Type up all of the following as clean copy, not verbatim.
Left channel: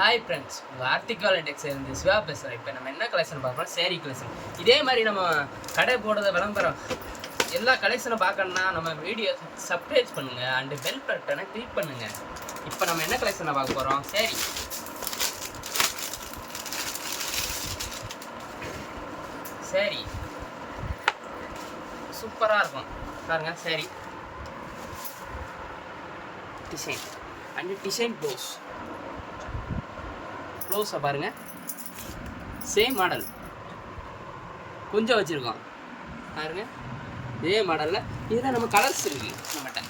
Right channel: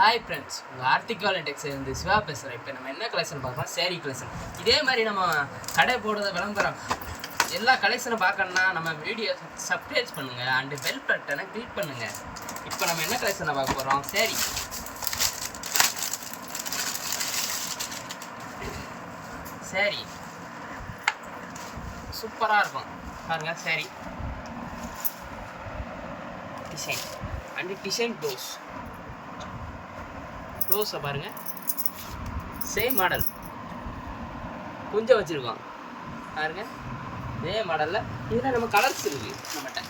Hi friends, உங்கள் article index இருந்து சிவா பேசுகிறேன். இப்போ நம்ம என்ன கலெக்ஷன் பார்க்குறோம்? சேரீ கலெக்ஷன். இதே மாதிரி நம்ம கடை போடுறது விளம்பரம் எல்லா கலெக்ஷனை பார்க்கணுன்னா நம்ம வீடியோ சப்ஸ்கிரைப் பண்ணுங்கள் அண்டு பெல் பட்டனை கிளிக் பண்ணுங்கள். இப்போ நம்ம என்ன கலெக்ஷனை பார்க்க போகிறோம்? சேரீ சூப்பராக இருக்கும் பாருங்கள். சேரீ டிசைன் அண்டு டிசைன் ப்ளவுஸை பாருங்கள். சேம் மாடல் கொஞ்சம் வச்சுருக்கோம் பாருங்க. இதே மாடலில் இதில் நம்ம கலர்ஸ் இருக்குது நம்மகிட்ட.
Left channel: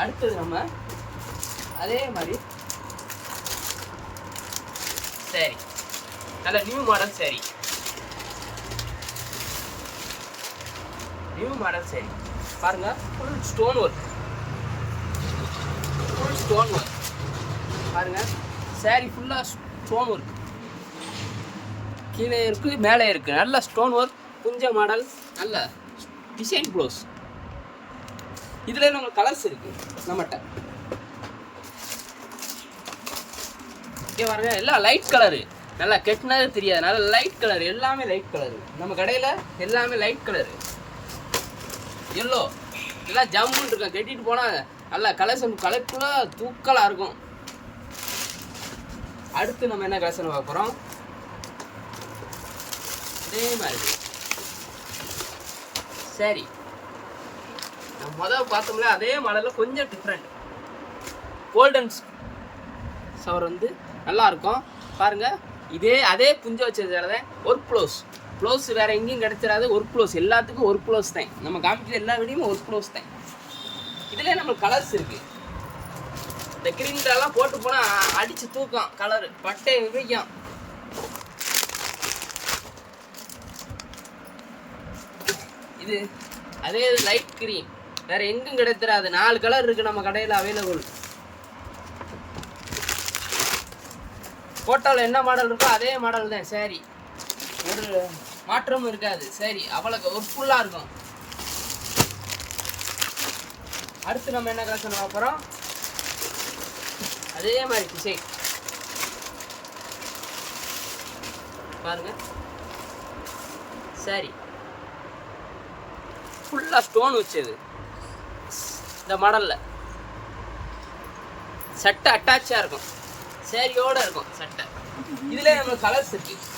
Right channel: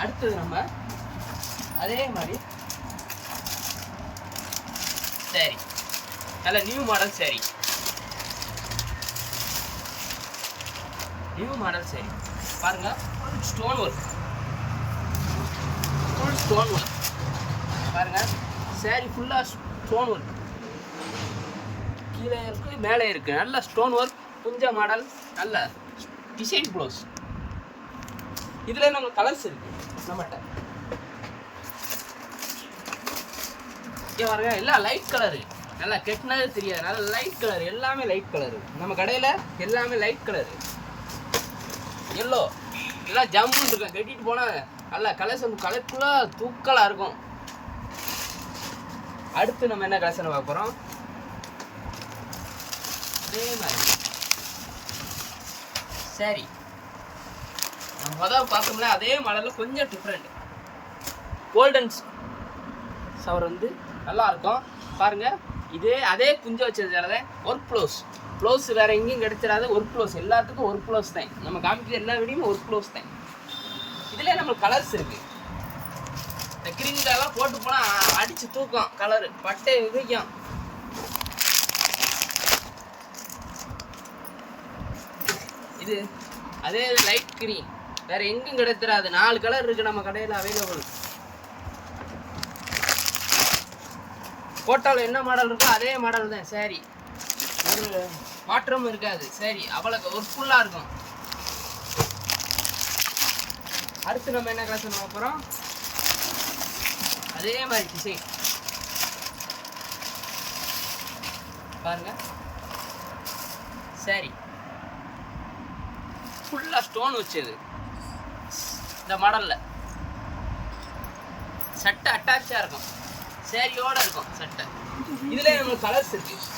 அடுத்தது நம்ம அதே மாதிரி சரி நல்ல நியூ மாடல் சரி பாருங்க. ஃபுல் ஸ்டோன் ஒர்க் பாருங்க. சேரீ ஃபுல்லாக ஸ்டோன் ஒர்க் கீழே இருக்குது மேலே இருக்குது. நல்ல ஸ்டோன் ஒர்க் குஞ்ச மாடல், நல்ல டிசைன் ப்ளவுஸ். இதில் நம்ம கலர்ஸ் இருக்குது நம்மகிட்ட. இங்கே பாருங்க, எல்லாம் லைட் கலரு, நல்லா கெட்டினது தெரியாது, நல்லா லைட் கலர், எல்லாமே லைட் கலரு. நம்ம கடையில் எல்லாமே லைட் கலரு. எல்லோ எல்லாம் ஜம்முன்னு இருக்கும், கட்டிட்டு போனால் நல்லா கலர்ஃபுல்லாக தூக்கலாக இருக்கும். அடுத்து நம்ம என்ன கலெக்ஷனை பார்க்குறோம்? அதே மாதிரி சரி நம்ம முதல் பார்த்தோம்ல அதே மாடலில் கொஞ்சம் டிஃப்ரெண்ட். கோல்டன் சவர் வந்து நல்லா இருக்கும் பாருங்கள். அதே குஞ்ச வச்சதால ஒர்க் ப்ளவுஸ் வேறு எங்கேயும் கிடைச்சிடாது. ஒர்க் ப்ளவுஸ் எல்லாத்துக்கும் ஒர்க் ப்ளவுஸ் தான். நம்ம காமிக்கிற எல்லா வீடியும் ஒர்க் ப்ளவுஸ் தான். இதுலேயே நம்ம கலர்ஸ் இருக்குது. இந்த கிரீன்லாம் போட்டு போனால் அடித்து தூக்கம், கலரு பட்டை விரிக்கும். இது அதே லைட் கிரீன் வேறு எங்கும் கிடைச்சிடாது. 4 கலர் இருக்குது நம்ம கடையில் அவைலபிள். போட்டால் என்ன மாடல் இருக்கோ அதே மாடல் தான். சரி, ஒரு மாற்றமும் இருக்காது. சரி, அவ்வளோக்கு ஒரு ஃபுல்லாக இருக்கும். அடுத்து நம்ம என்ன கலெக்ஷன் பார்க்குறோம்? அதே மாதிரி டிசைன் பாருங்க. சரி, ஃபுல்லாக ஸ்டோன் வச்சது. இந்த மாடலில் சட்டை அட்டாச்சாக இருக்கும், சேரியோடு இருக்கும் சட்டை. இதுலேயே நம்ம கலர்ஸ் இருக்குது.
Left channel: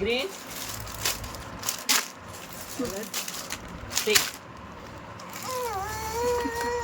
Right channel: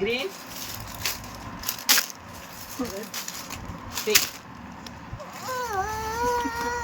கிரீன்